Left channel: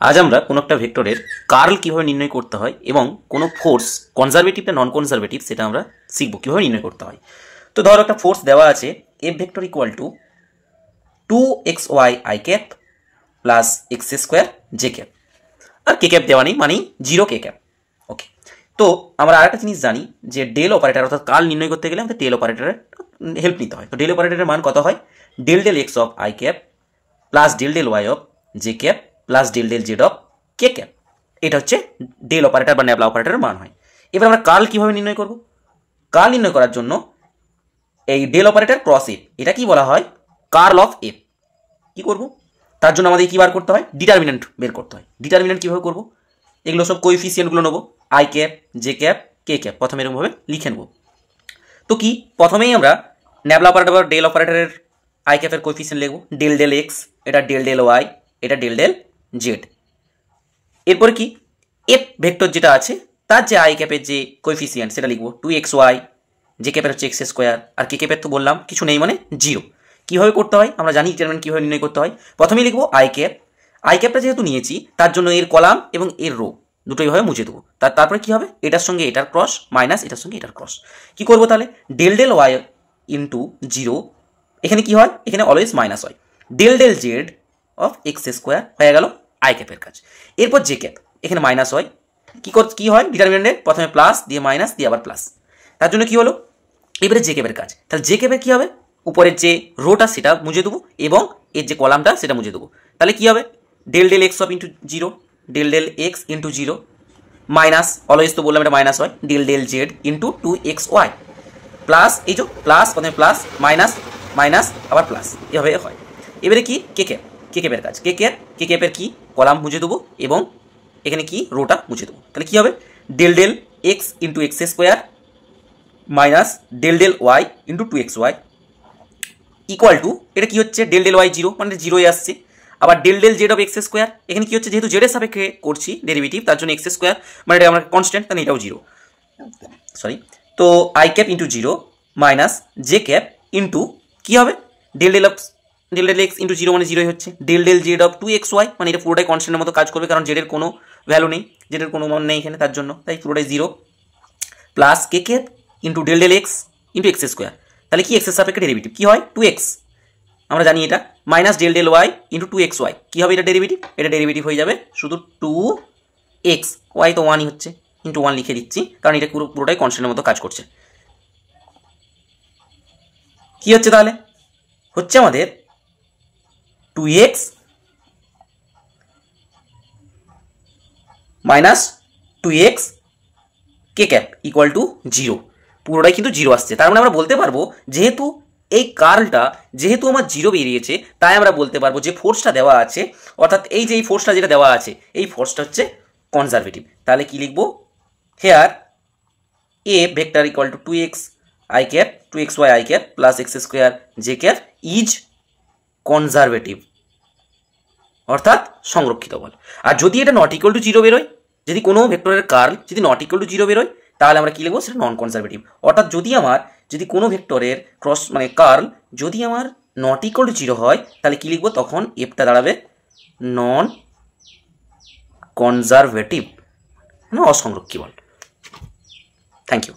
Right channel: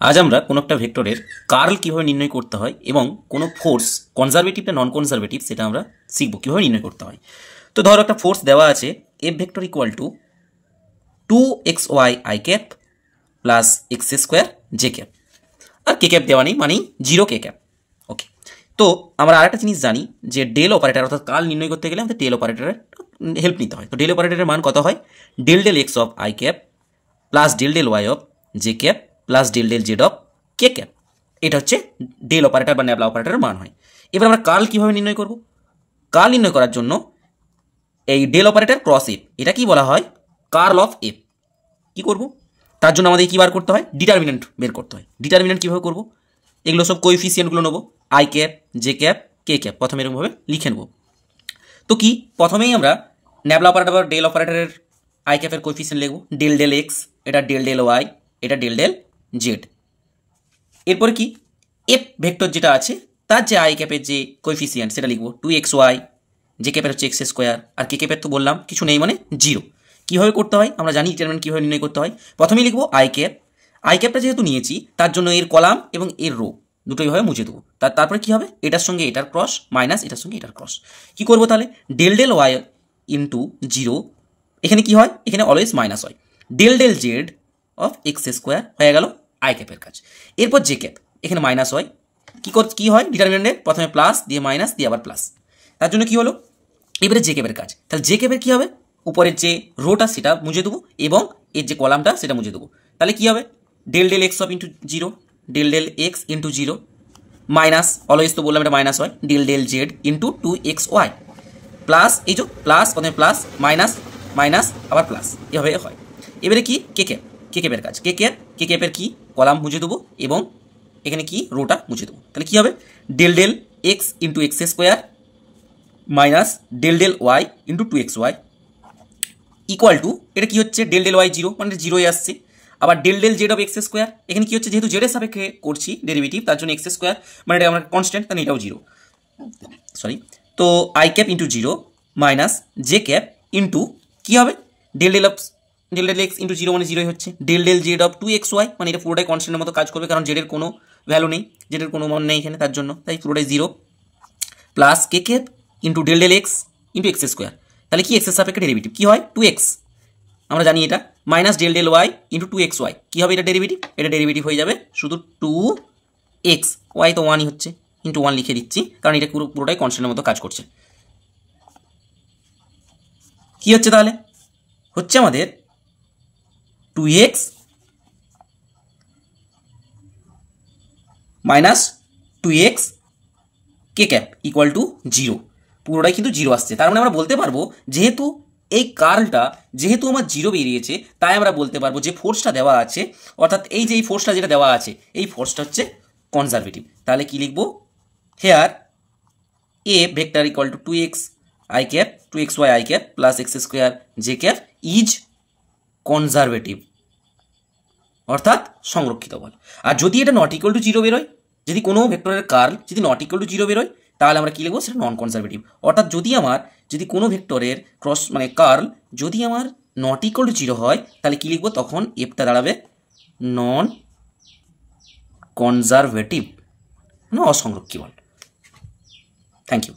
আজ আমরা কোনো একটা ভেক্টরের কার্ল কিভাবে নির্ণয় করতে হয় এবং কোনো ফোর্স কনজারভেটিভ না নন কনজারভেটিভ সেটা আমরা শিখব কিভাবে নির্ণয় করতে হয়। তো ধরো একটা ফোর্স দেওয়া আছে F vector equal to 2xy i cap plus x square J cap, আর কে ক্যাপ দেওয়া নেই মানেই 0 কে ক্যাপ। ওকে, তো আমরা আরেকটা জিনিস জানি যে ডেল অপারেটর অর্থাৎ কার্ল নির্ণয় করতে গেলে আমাদের ডেল অপারেটরের হেল্প নিতে হয়। তো ডেল অপারেটরের মান কত হয়? Del del x of i cap plus del del y of j cap plus del del z of k cap. এটা হচ্ছে ডেল অপারেটর বা ন্যাবলা অপারেটরের মান হয়। এবার আমরা কার্ল কিভাবে নির্ণয় করব? কার্ল নির্ণয় করার জন্য এই ডেল অপারেটর ক্রস এফ, এটা কি বলা হয়? Curl of F. কি করব? তার জন্য আমাদের কি বার করতে হয়? ডিটারমিনেন্ট বের করতে হয়। ডিটারমিনেন্ট কিভাবে করব? এগুলো সব কোএফিসিয়েন্টগুলো নেবো, I cap J cap K cap, প্রথমে এরকমভাবে লিখে নেব। তো কি প্রথমেই আমরা ন্যাবলা অপারেটর বা ডেল অপারেটরের আই ক্যাপের কোএফিসিয়েন্ট লিখব, ডেল ডেল এক্স, এটা ডেল ডেল ওয়াই, এটা ডেল ডেল জেড। এরপরে কি এফ ভেক্টর যেটা আছে তার যে আই ক্যাপের যে কোএফিসিয়েন্ট সেটা লিখবো 2xy, যে ক্যাপের হচ্ছে এক্স স্কোয়ার, আর কে ক্যাপের তো বললাম কিছু নেই মানে 0। কীভাবে করতে হয় আমরা জানি, ডিটারমিনেন্ট কীভাবে নির্ণয় করতে হয়। প্রথমেই লিখবো আই ক্যাপ, আই ক্যাপটা যেহেতু নিয়েছি তার জন্য এর কলাম এবং এর রো দুটোই ভাবে মুছে দেবো। তারপরে কী হবে? এটার সঙ্গে এটার ক্রস মাইনাস এটার সঙ্গে এটার ক্রস। কী করবো তাহলে? ডেল ডেল ওয়াই ইন্টু 0, এখানে কি হয়? এখানে অলওয়েজ মাইনাস হয়। Del del z of x square হয়ে গেল আই ক্যাপের কাজ। এরপর জে ক্যাপ, এখানে মাইনাস হয়। কি হয়? ডিটারমিনেন্টে প্রথমে প্লাস দিয়ে মাইনাস দিয়ে আবার প্লাস। তার জন্য কি হলো? এবারে জে ক্যাপের কাজ। তাহলে জে ক্যাপের কী হবে? উপরের যে রোটা সেটা মুছে দেবো এবং এর যে কলামটা সেটা মুছে দেবো। তাহলে কী হবে? Del del x of into 0, del del x into 0 minus, always তো বললাম এটা মাইনাস হয়, del del z into 2xy plus, এই যে প্লাস প্রথমে প্লাস মাইনাস মাইনাস আবার প্লাস, এভাবে হয়। এবারে কি কে ক্যাপ, কে ক্যাপের কাজ। কে ক্যাপের কি কলাম মুছে দেবো এবং এখানে কি রোটা মুছে দেবো। তাহলে কি হবে? Del del x into x square minus del del y into 2xy equal to, এটা কি হচ্ছে? ডেল ডেল ওয়াই 0 মানে 0 আসছে। আবার del del z of x square, এখানে কি হচ্ছে? যেহেতু জেডের সাপেক্ষে করছি ডেরিভেটিভ তার জন্য এক্স স্কোয়ার মানে এটা আমরা কনস্ট্যান্ট, কারণ এটাও 0, সরি। তো I cap into 0 minus J cap into কী হবে? ডেল ডেল এক্স ইন্টু 0 মানে 0 হচ্ছে। Del del z of 2xy মানে এটা পুরোটাই কনস্ট্যান্টের মতো কাজ করবে, কারণ জেডের কোনো ভ্যালু নেই, জেডের কোনো মান নেই এখানে, তার জন্য তাই পুরোটাই 0 plus K cap into del del x into x square. তাহলে কি এক্সের সাপেক্ষে ডেরিভেটিভ কী হয়? 2x, আমরা জানি এটা, minus del del y into 2xy। কী হবে এটা ডেরিভেটিভ? এটা ডেরিভেটিভ হয়ে যাবে শুধু 2x, ওয়াই তো 1ই হচ্ছে, ইন্টু 1 লিখে দিচ্ছি কারণ এটা পুরোটাই কনস্ট্যান্টের মতো কাজ করছে। কি হচ্ছে তাহলে? হচ্ছে আমাদের 2x minus 2x K cap equal to 0, পুরোটাই কিন্তু 0 আসছে। তার মানে আমরা বলতে পারবো যেহেতু এই কার্লটা যেহেতু আমার 0 বেরিয়েছে, তাই আমরা বলতে পারবো যে ফোর্সটা দেওয়া আছে, অর্থাৎ এই যে এই ফোর্সটা যেটা দেওয়া আছে এই ফোর্সটা হচ্ছে কনজারভেটিভ। তাহলে কি লিখবো? Here A vector equal to 2x i cap 2xy i cap plus x square J cap is conservative, অর্থাৎ সংরক্ষিত বল। আর যদি এটা নট ইকুয়াল টু 0 বেরোয়, যদি কোনো ভেক্টরের কার্ল যদি নট ইকুয়াল টু 0 বেরোয়, তাহলে আমরা কী লিখবো? সেটা নন কনজারভেটিভ। অর্থাৎ যদি কোনো ভেক্টরের ক্রস মানে কার্ল যদি আমার নট ইকুয়াল টু 0 হয়, তাহলে কী লিখবো? তখন এফটা দাঁড়াবে নন কনজারভেটিভ, মানে অসংরক্ষী বল। Thank you.